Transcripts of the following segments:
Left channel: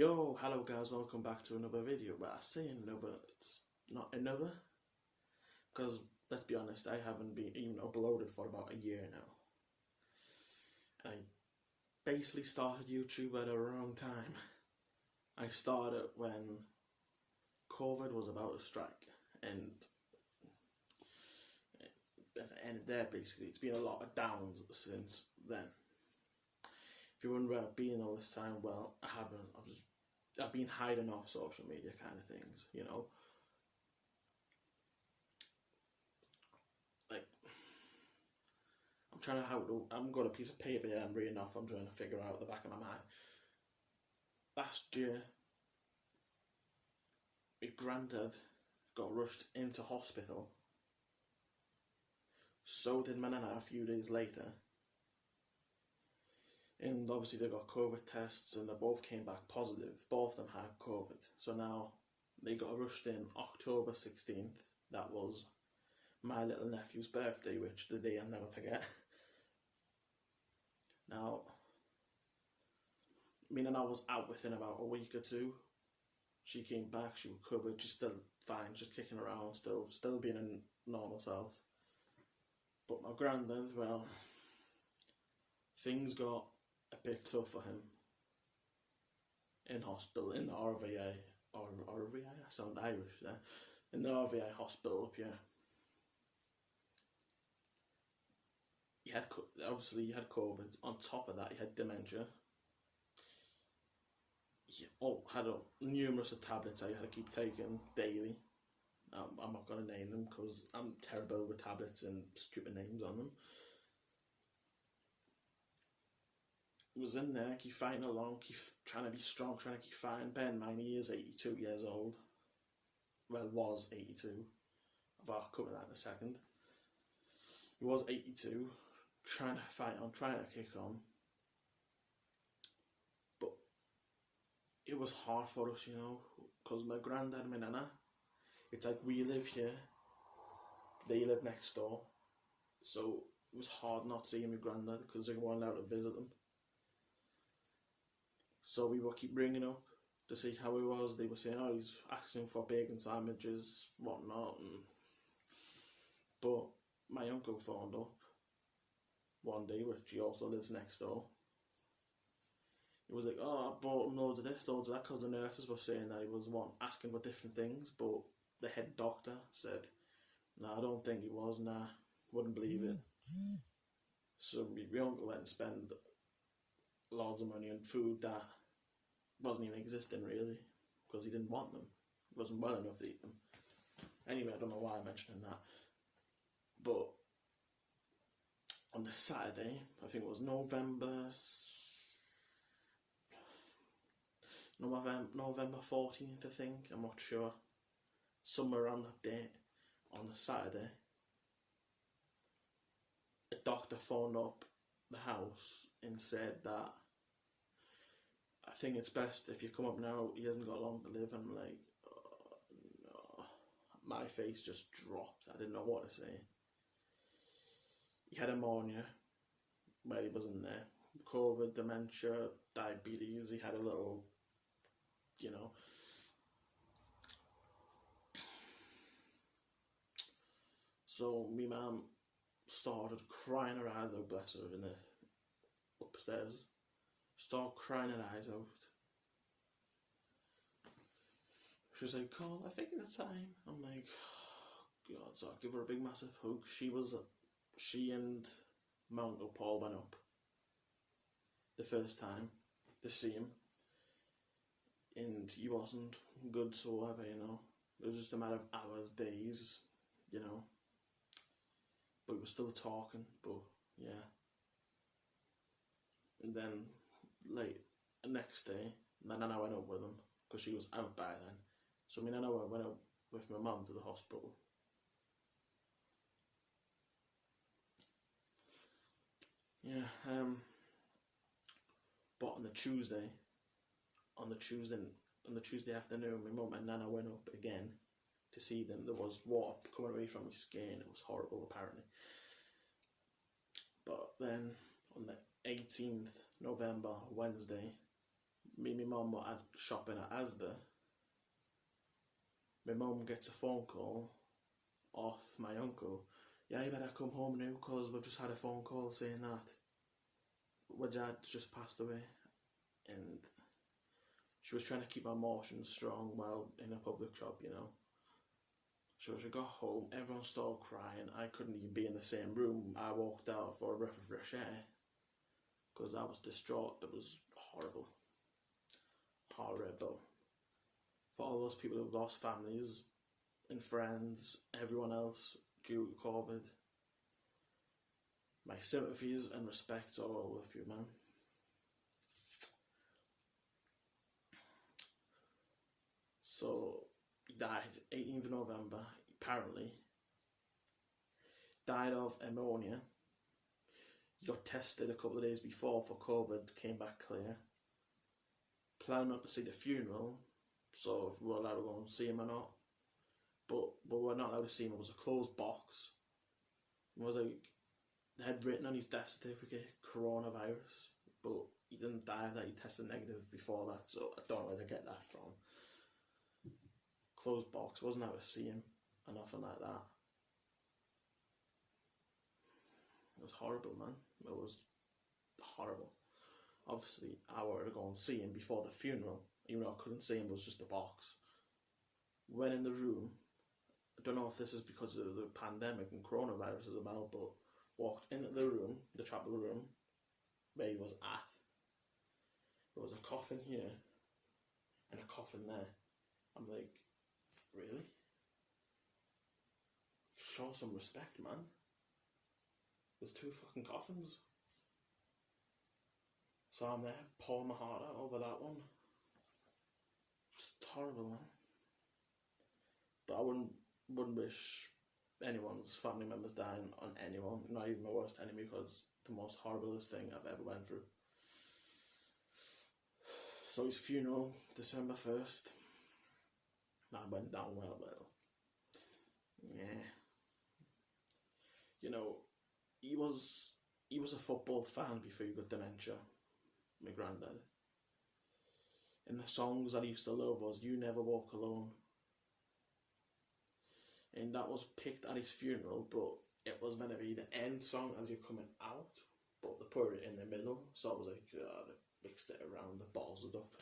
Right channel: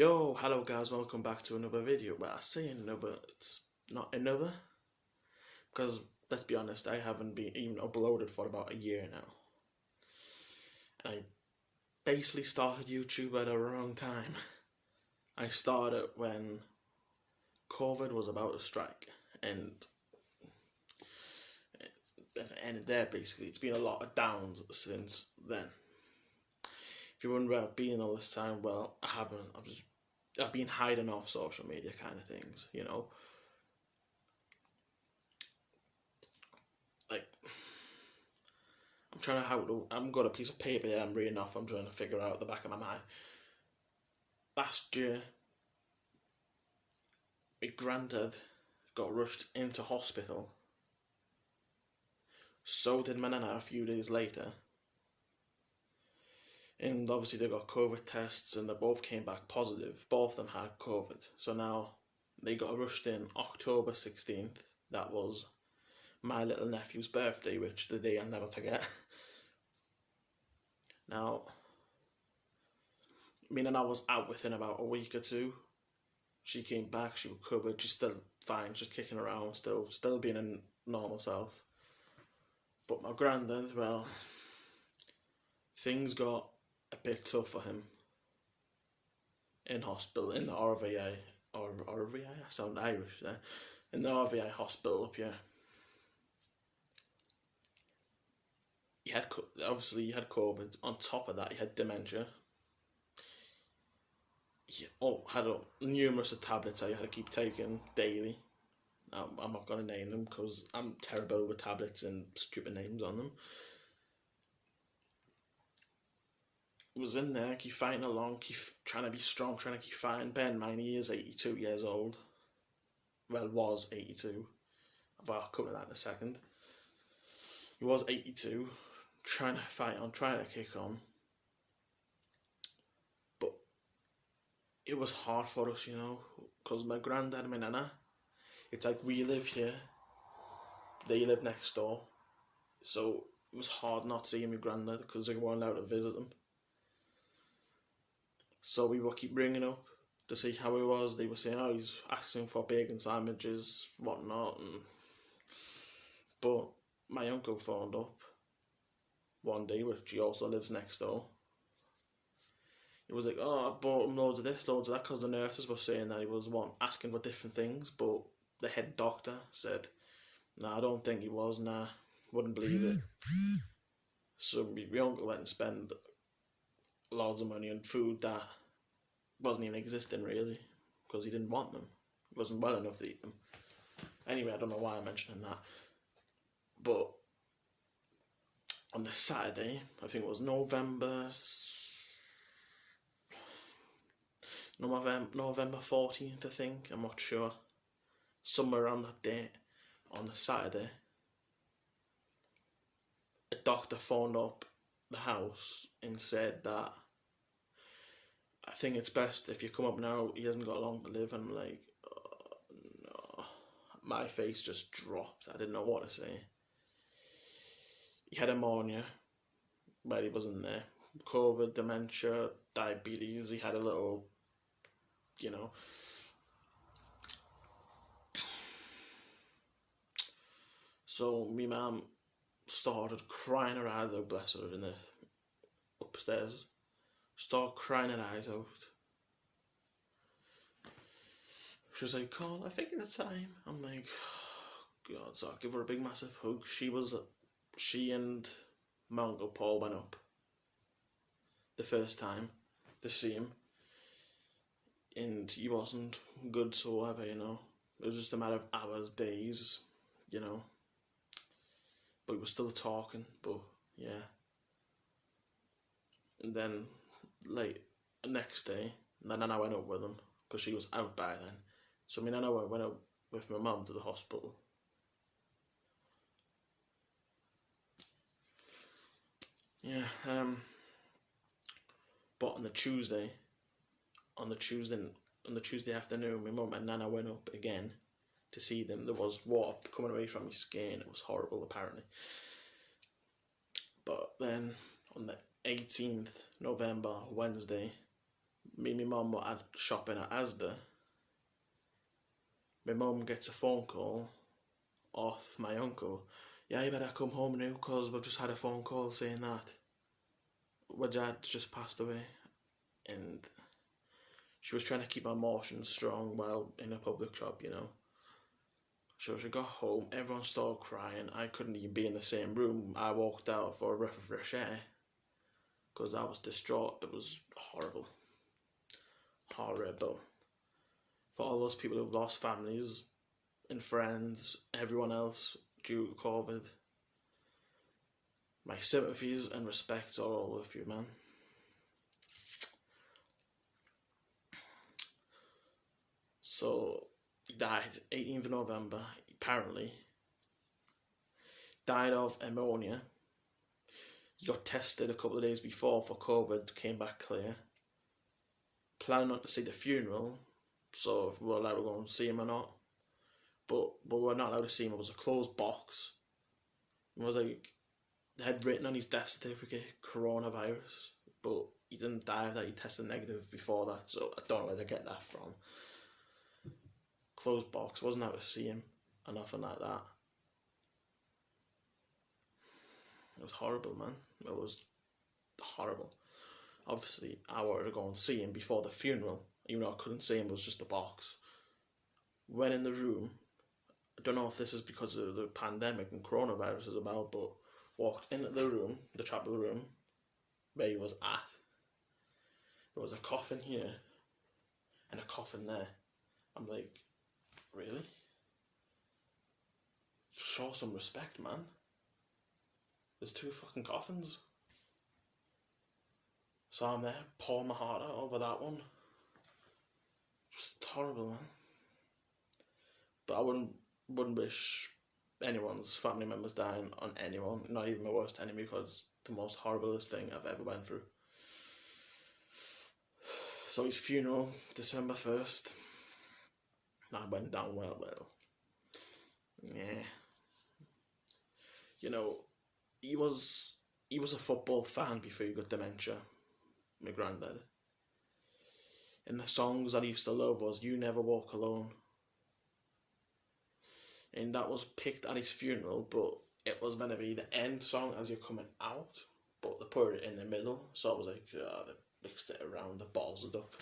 Yo, hello guys, welcome back to another video. But I say another, it's not another, because let's be honest, I haven't been even uploaded for about a year now. And I basically started YouTube at the wrong time. I started when COVID was about to strike, and ended there basically. It's been a lot of downs since then. If you wonder where I've been all this time, well, I haven't. I've been hiding off social media kind of things, you know. Like, I've got a piece of paper there I'm reading off, I'm trying to figure out the back of my mind. Last year, my granddad got rushed into hospital. So did my nana a few days later. And obviously they got COVID tests and they both came back positive. Both of them had COVID. So now they got rushed in October 16th. That was my little nephew's birthday, which the day I'll never forget. Now, me and I was out within about a week or two. She came back, she recovered, she's still fine, she's kicking around, still being a normal self. But my granddad, well, things got a bit tough for him in hospital, in the RVA, or RVA, I sound Irish there, in the RVA hospital up here. He had COVID. On top of that, he had dementia. He had numerous of tablets I had to keep taking daily. I'm not going to name them because I'm terrible with tablets and stupid names on them. Was in there, keep fighting along, keep trying to be strong, trying to keep fighting. Bear in mind, he is 82 years old. Well, was 82. But I'll cover that in a second. He was 82, trying to fight on, trying to kick on. But it was hard for us, you know, because my granddad and my nana, it's like we live here, they live next door. So it was hard not seeing my granddad because they weren't allowed to visit him. So we would keep ringing up to see how he was. They were saying, oh, he's asking for bacon sandwiches, whatnot. But my uncle phoned up one day, which he also lives next door. He was like, oh, I bought him loads of this, loads of that, because the nurses were saying that he was asking for different things. But the head doctor said, nah, I don't think he was, nah, wouldn't believe it. So my uncle went and spent loads of money on food that wasn't even existing really, because he didn't want them. He wasn't well enough to eat them. Anyway, I don't know why I'm mentioning that. But on the Saturday, I think it was November 14th, I think, I'm not sure. Somewhere around that date, on the Saturday, a doctor phoned up the house and said that I think it's best if you come up now, he hasn't got long to live. And I'm like, oh, no. My face just dropped. I didn't know what to say. He had ammonia, but he wasn't there. COVID, dementia, diabetes, he had a little, you know. So me mum started crying her eyes out, bless her, in the upstairs. Started crying her eyes out. She was like, Carl, I think it's time. I'm like, oh, God, so I give her a big massive hug. She and my Uncle Paul went up the first time to see him. And he wasn't good whatsoever, you know. It was just a matter of hours, days, you know. But we were still talking, but yeah. And then, like, the next day, my nana went up with him, because she was out by then. So my nana went up with my mum to the hospital. Yeah, but on the Tuesday afternoon, my mum and nana went up again to see them. There was water coming away from my skin. It was horrible, apparently. But then on the 18th November, Wednesday, me and my mum were at shopping at Asda. My mum gets a phone call off my uncle. Yeah, you better come home now because we've just had a phone call saying that my dad just passed away. And she was trying to keep her emotions strong while in a public shop, you know. So she got home, everyone started crying. I couldn't even be in the same room. I walked out for a breath of fresh air because I was distraught. It was horrible. Horrible. For all those people who've lost families and friends, everyone else due to COVID, my sympathies and respects are all with you, man. So, he died 18th of November, apparently. Died of pneumonia. He got tested a couple of days before for COVID, came back clear. Planned not to see the funeral, so if we were allowed to go and see him or not. But we were not allowed to see him. It was a closed box. It was like, they had written on his death certificate, coronavirus, but he didn't die of that, he tested negative before that, so I don't know where they get that from. Closed box, wasn't allowed to see him, or nothing like that. It was horrible, man. It was horrible. Obviously, I wanted to go and see him before the funeral, even though I couldn't see him, it was just a box. Went in the room, I don't know if this is because of the pandemic and coronavirus is about, but walked into the room, the chapel room, where he was at. There was a coffin here, and a coffin there. I'm like, really? Show some respect, man. There's 2 fucking coffins. So I'm there, pouring my heart out over that one. Just horrible, man. But I wouldn't wish anyone's family members dying on anyone, not even my worst enemy, because the most horriblest thing I've ever went through. So his funeral, December 1st. That went down well. Yeah. You know, he was a football fan before he got dementia, my granddad. And the songs that he used to love was You Never Walk Alone. And that was picked at his funeral, but it was meant to be the end song as you're coming out, but they put it in the middle, so I was like, they mixed it around, the balls it up.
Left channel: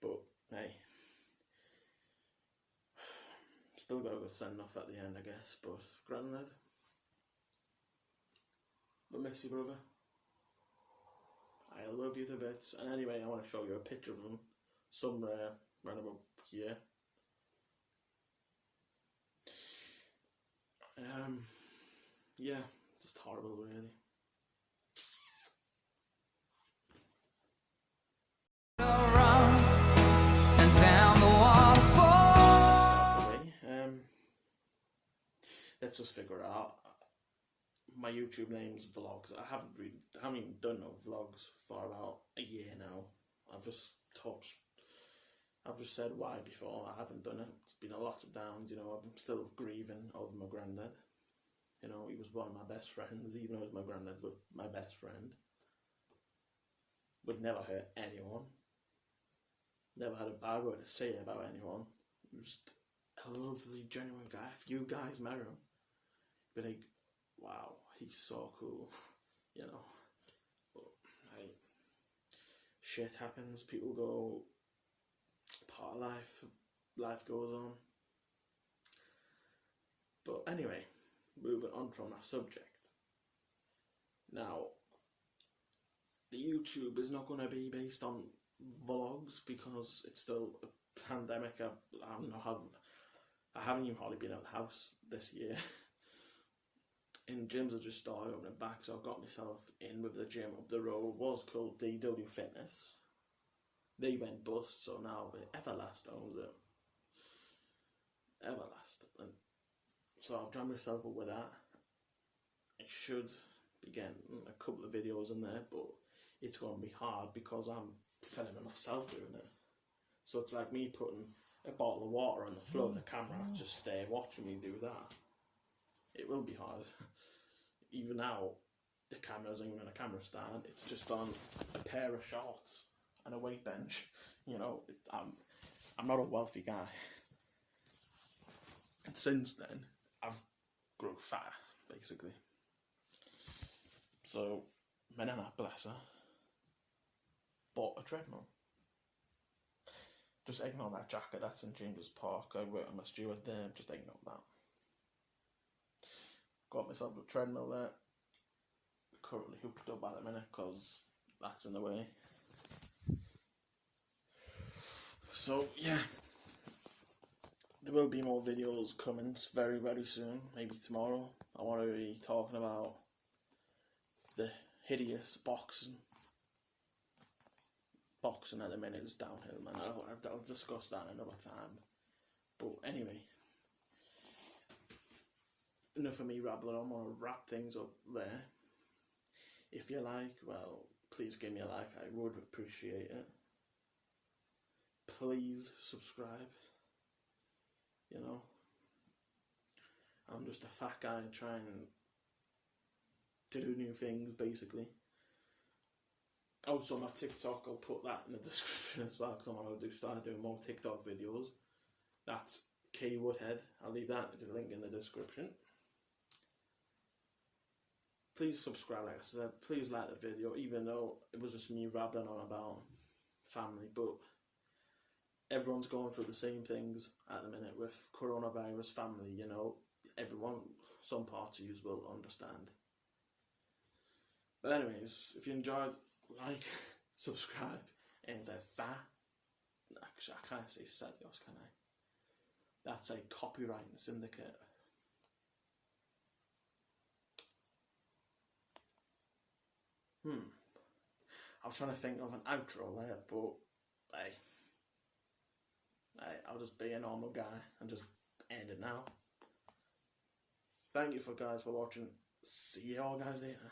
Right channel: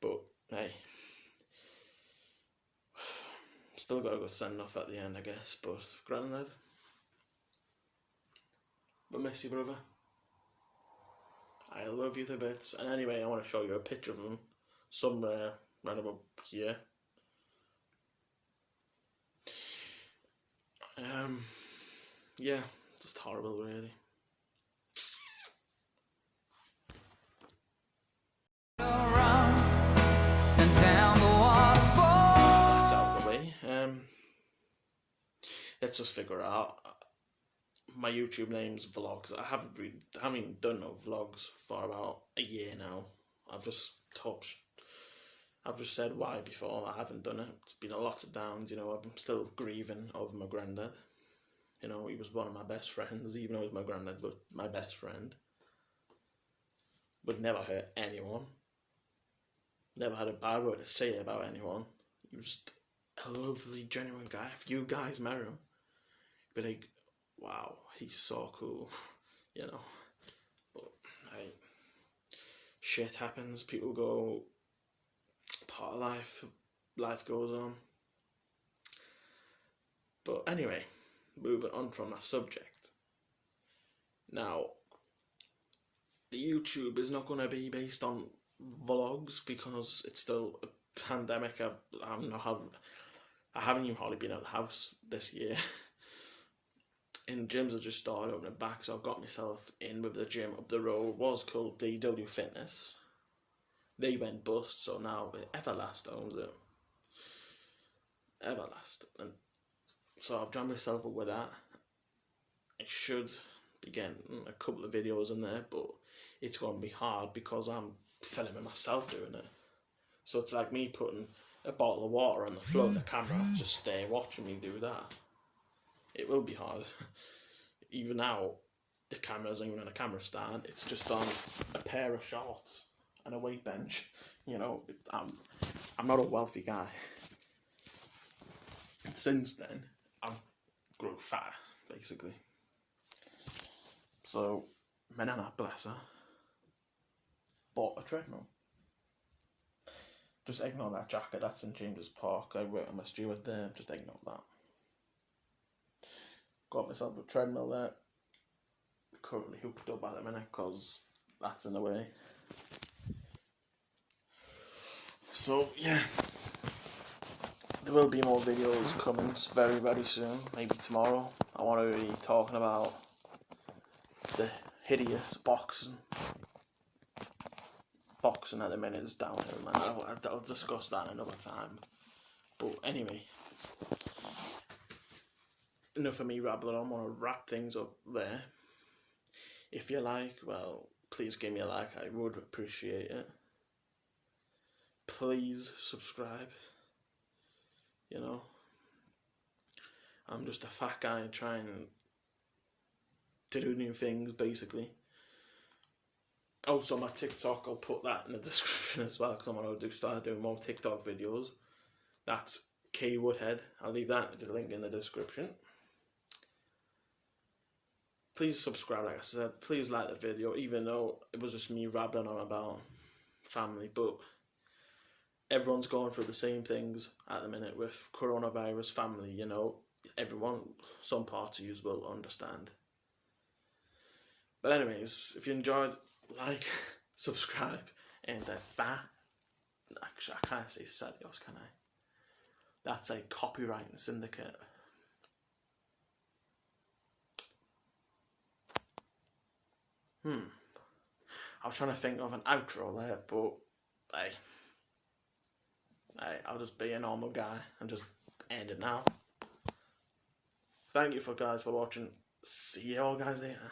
But hey, still got a good send off at the end, I guess. But granddad, but miss you, brother. I love you to bits. And anyway, I want to show you a picture of him somewhere around about here. Yeah, just horrible, really. Around and down the waterfall. It's out of the way. Let's just figure it out. My YouTube name's Vlogs. I haven't even done no vlogs for about a year now. I've just said why before. I haven't done it. It's been a lot of downs, you know. I'm still grieving over my granddad. You know, he was one of my best friends, even though he was my granddad, but my best friend. Would never hurt anyone. Never had a bad word to say about anyone. He was a lovely, genuine guy. If you guys met him, you'd be like, wow, he's so cool, you know. But shit happens. People go. Part of life. Life goes on. But anyway, moving on from that subject. Now, the YouTube is not going to be based on vlogs because it's still a pandemic. I haven't even hardly been out of the house this year. And gyms have just started opening back, so I got myself in with the gym up the road. It was called DW Fitness. They went bust, so now Everlast owns it. Everlast. And so I've joined myself up with that. I should be getting a couple of videos in there, but it's going to be hard because I'm filming myself doing it. So it's like me putting a bottle of water on the floor of the camera, just watching me do that. It will be hard. Even now, the camera's not even on a camera stand, it's just on a pair of shorts and a weight bench. You know, I'm not a wealthy guy. And since then, I've grown fat, basically. So, my nana, bless her, bought a treadmill. Just ignore that jacket, that's in James's Park. I work on my steward there, just ignore that. Got myself a treadmill there. Currently hooked up at the minute because that's in the way. So, yeah. There will be more videos coming very, very soon. Maybe tomorrow. I want to be talking about the hideous boxing. Boxing at the minute is downhill, man. I'll discuss that another time. But anyway, enough of me rambling on. I want to wrap things up there. If you like, well, please give me a like. I would appreciate it. Please subscribe. You know, I'm just a fat guy trying to do new things, basically. Also, my TikTok, I'll put that in the description as well, because I'm going to start doing more TikTok videos. That's K Woodhead. I'll leave the link in the description. Please subscribe, like I said. Please like the video, even though it was just me rambling on about family. But everyone's going through the same things at the minute with coronavirus, family, you know. Everyone, some parts of you will understand. But anyways, if you enjoyed, like, subscribe, and actually, I can't say Sadios, can I? That's a copyright syndicate. I was trying to think of an outro there, but I'll just be a normal guy and just end it now. Thank you guys for watching. See you all guys later.